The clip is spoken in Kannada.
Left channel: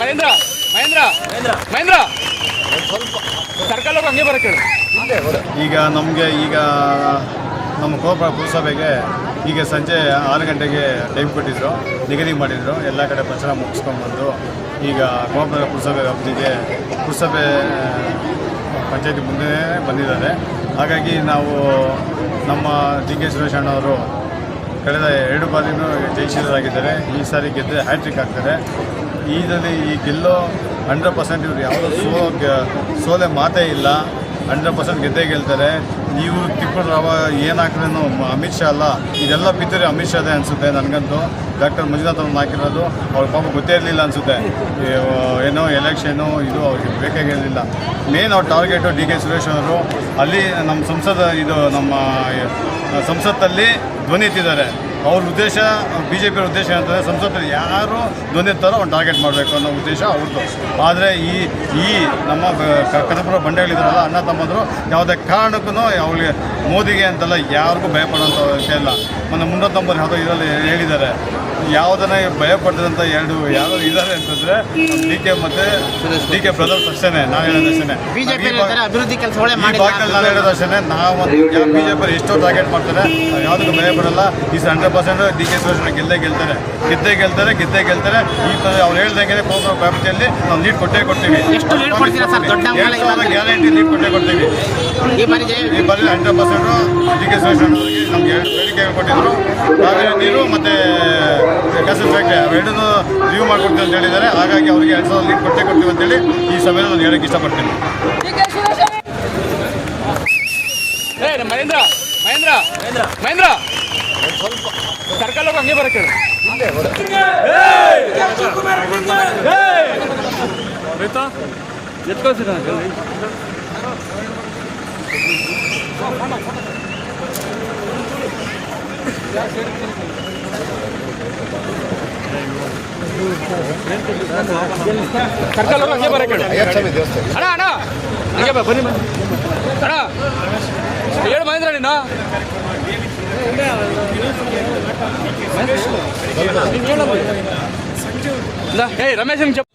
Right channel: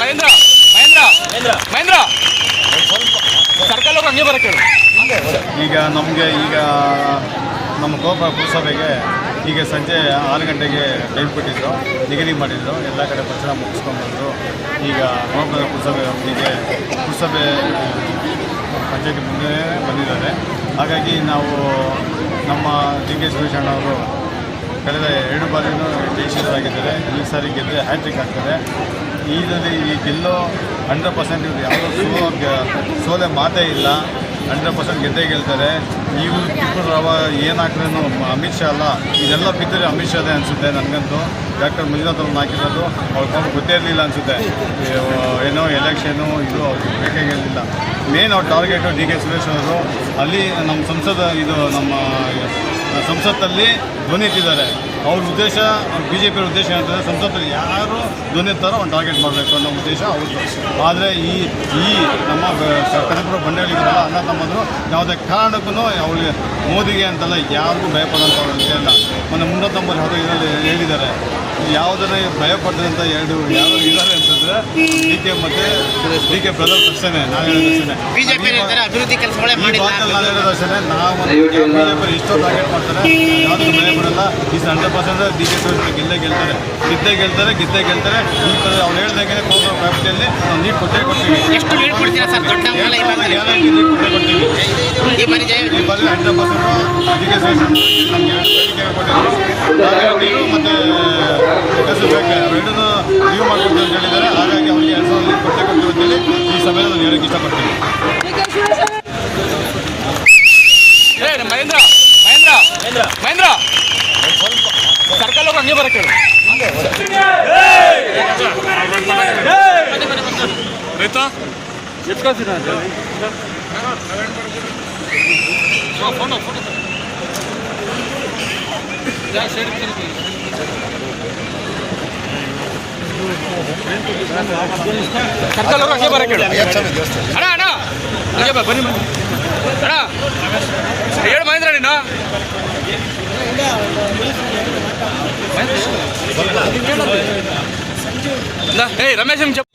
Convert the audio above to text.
ಮಹೇಂದ್ರ ಮಹೇಂದ್ರ ಮಹೇಂದ್ರ ಸರ್ಕಲ್ ಹಂಗೆ ಈಗ ನಮಗೆ ಈಗ ನಮ್ಮ ಕೋಪ ಪುರಸಭೆಗೆ ಈಗ ಸಂಜೆ ಆರು ಗಂಟೆಗೆ ಟೈಮ್ ಕೊಟ್ಟಿದ್ರು. ನಿಗದಿ ಮಾಡಿದ್ರು. ಎಲ್ಲ ಕಡೆ ಪ್ರಚಾರ ಮುಗಿಸ್ಕೊಂಡು ಬಂದರು. ಈಗ ಕೋಪ ಪುರಸಭೆ ಕಂಪ್ನಿಗೆ ಪುರಸಭೆ ಪಂಚಾಯತಿ ಮುಂದೆ ಬಂದಿದ್ದಾರೆ. ಹಾಗಾಗಿ ನಾವು ನಮ್ಮ ಡಿ ಕೆ ಸುರೇಶ್ ಅಣ್ಣವರು ಕಳೆದ ಎರಡು ಬಾರಿನೂ ಜಯಿಸಿದರಾಗಿದ್ದಾರೆ ಈ ಸಾರಿ ಗೆದ್ದರೆ ಹ್ಯಾಟ್ರಿಕ್ ಆಗ್ತಾರೆ ಇದರಲ್ಲಿ ಈ ಗೆಲ್ಲೋ ಹಂಡ್ರೆಡ್ ಪರ್ಸೆಂಟ್ ಇವ್ರು ಯಾವುದೋ ಸೋ ಸೋಲೆ ಮಾತೇ ಇಲ್ಲ. ಹಂಡ್ರೆಡ್ ಪರ್ಸೆಂಟ್ ಗೆದ್ದೇ ಗೆಲ್ತಾರೆ. ಇವರು ಟಿಪ್ಪರ್ ರಾವ ಏನಾಕ್ರೇನು ಅಮಿತ್ ಶಾ ಅಲ್ಲ, ಇದೆಲ್ಲ ಬಿದ್ದರೆ ಅಮಿತ್ ಶಾದೇ ಅನಿಸುತ್ತೆ ನನಗಂತೂ. ಡಾಕ್ಟರ್ ಮಂಜುನಾಥ್ ಅವ್ರನ್ನ ಹಾಕಿರೋದು, ಅವ್ರ ಪಾಪ ಗೊತ್ತೇ ಇರಲಿಲ್ಲ ಅನಿಸುತ್ತೆ. ಏನೋ ಎಲೆಕ್ಷನು, ಇದು ಅವ್ರಿಗೆ ಬೇಕಾಗಿರಲಿಲ್ಲ ಮೇನ್ ಅವ್ರ ಟಾರ್ಗೆಟು ಡಿ ಕೆ ಸುರೇಶ್ ಅವರು ಅಲ್ಲಿ ನಮ್ಮ ಸಂಸದ, ಇದು ನಮ್ಮ ಸಂಸತ್ತಲ್ಲಿ ಧ್ವನಿ ಎತ್ತಿದ್ದಾರೆ. ಅವ್ರ ಉದ್ದೇಶ ಬಿ ಜೆ ಪಿಯ ಉದ್ದೇಶ ಏನಂತಂದರೆ ಸಂಸತ್ತಲ್ಲಿ ಯಾರು ಧ್ವನಿ ಎತ್ತಾರೋ ಅವ್ನು ಟಾರ್ಗೆಟ್ ಮಾಡಬೇಕು ಅನ್ನೋ ಉದ್ದೇಶ ಅವ್ರದ್ದು. ಆದರೆ ಈ ಈ ನಮ್ಮ ಕನಪುರ ಬಂಡೆಗಳಿದ್ದಾರಲ್ಲ ಅಣ್ಣ ತಮ್ಮಂದರು, ಯಾವುದೇ ಕಾರಣಕ್ಕೂ ಅವ್ರಿಗೆ ಮೋದಿಗೆ ಅಂತೆಲ್ಲ ಯಾರಿಗೂ ಭಯಪಡೋಂಥ ಇಲ್ಲ. ಮೊನ್ನೆ ಮುನ್ನೂರ ತೊಂಬತ್ತು ಹತ್ತು ಇದರಲ್ಲಿ ಹೇಳಿದ್ದಾರೆ. ಯಾವುದನ್ನ ಭಯಪಡ್ತದಂತ ಎರಡು ಯಾರು ಇದ್ದಾರೆ ಅಂತಂದ್ರೆ ಡಿ ಕೆ ಮತ್ತೆ ಡಿ ಕೆ ಬ್ರದರ್ಸ್ ಅಷ್ಟೇ ನಾನು ಹೇಳೋದು ಅಷ್ಟೇ ಬಿಜೆಪಿ ನಾನು ಹೇಳೋದು ಅಷ್ಟೇ ನಾವು ಬಿಜೆಪಿ ಎಷ್ಟೋ ಟಾರ್ಗೆಟ್ ಮಾಡ್ತಾರೆ ಯಾವುದಕ್ಕೂ ಭಯ ಪಡಲ್ಲ. ಈ hundred percent D K Shivasena ಗೆಲ್ಲೇ ಗೆಲ್ತಾರೆ. ಗೆದ್ದೇ ಗೆಲ್ತಾರೆ ಗೆದ್ದೇ ಗೆಲ್ತಾರೆ. ಈ ತರ ಅವ್ರು ಹೇಳ್ದಂಗೆ ಕೋಪ ವ್ಯಾಪ್ತಿಯಲ್ಲಿ ನಾವು ನೀರು ಕೊಟ್ಟೇ ಕೊಡ್ತೀವಿ? ಗ್ಯಾರಂಟಿ ನೀಟ್ ಕೊಟ್ಟೇ ಕೊಡ್ತೀವಿ. ಈ ಬಾರಿ hundred percent D K Shivasena ನಮಗೆ ಹೇಳಿಕೆ ಕೊಟ್ಟಿದ್ರು. ನೀರು ಮತ್ತು ಹೆಸರು ಬೇಕು ಅವೆರಡನ್ನೂ ಲೀವ್ ಮಾಡ್ಕೊಡ್ತೀವಿ ಅಂತ ಹೇಳಿದ್ದಾರೆ. ಹಾಗಾಗಿ ಅವರಿಗೆ ಎರಡು ಸಾವಿರದ ಲೀವ್ ಕೊಟ್ಟೆ ಕೊಡ್ತೀವಿ ಅಂತೇಳಿ ಈ ಸಮಯದಲ್ಲಿ ನಾನು ಹೇಳಕ್ಕೆ ಇಷ್ಟಪಡ್ತೀನಿ. ಮಹೇಂದ್ರ ಮಹೇಂದ್ರ ಮಹೇಂದ್ರ. ಸರ್ಕಲ್ ಅವ್ರು ಹಂಗೆ ಬರಕ್ಕೆ ಹೇಳು. ಆಯ್ತಾ ಎತ್ ಕಳ್ಸಿದ ಫೋಟೋ ಫೋಟೋ ಸರ್ಕಲ್ ಹಂಗೆ ಬರಕ್ಕೆ. ಅಣ್ಣ ಅಣ್ಣ. ಹಂಗೆ ಬನ್ನಿ. ಹೇಳು ಮಹೇಂದ್ರ ನೀನು. ಏಯ್ ರಮೇಶ್ ನಿಮ್ ಚಪ್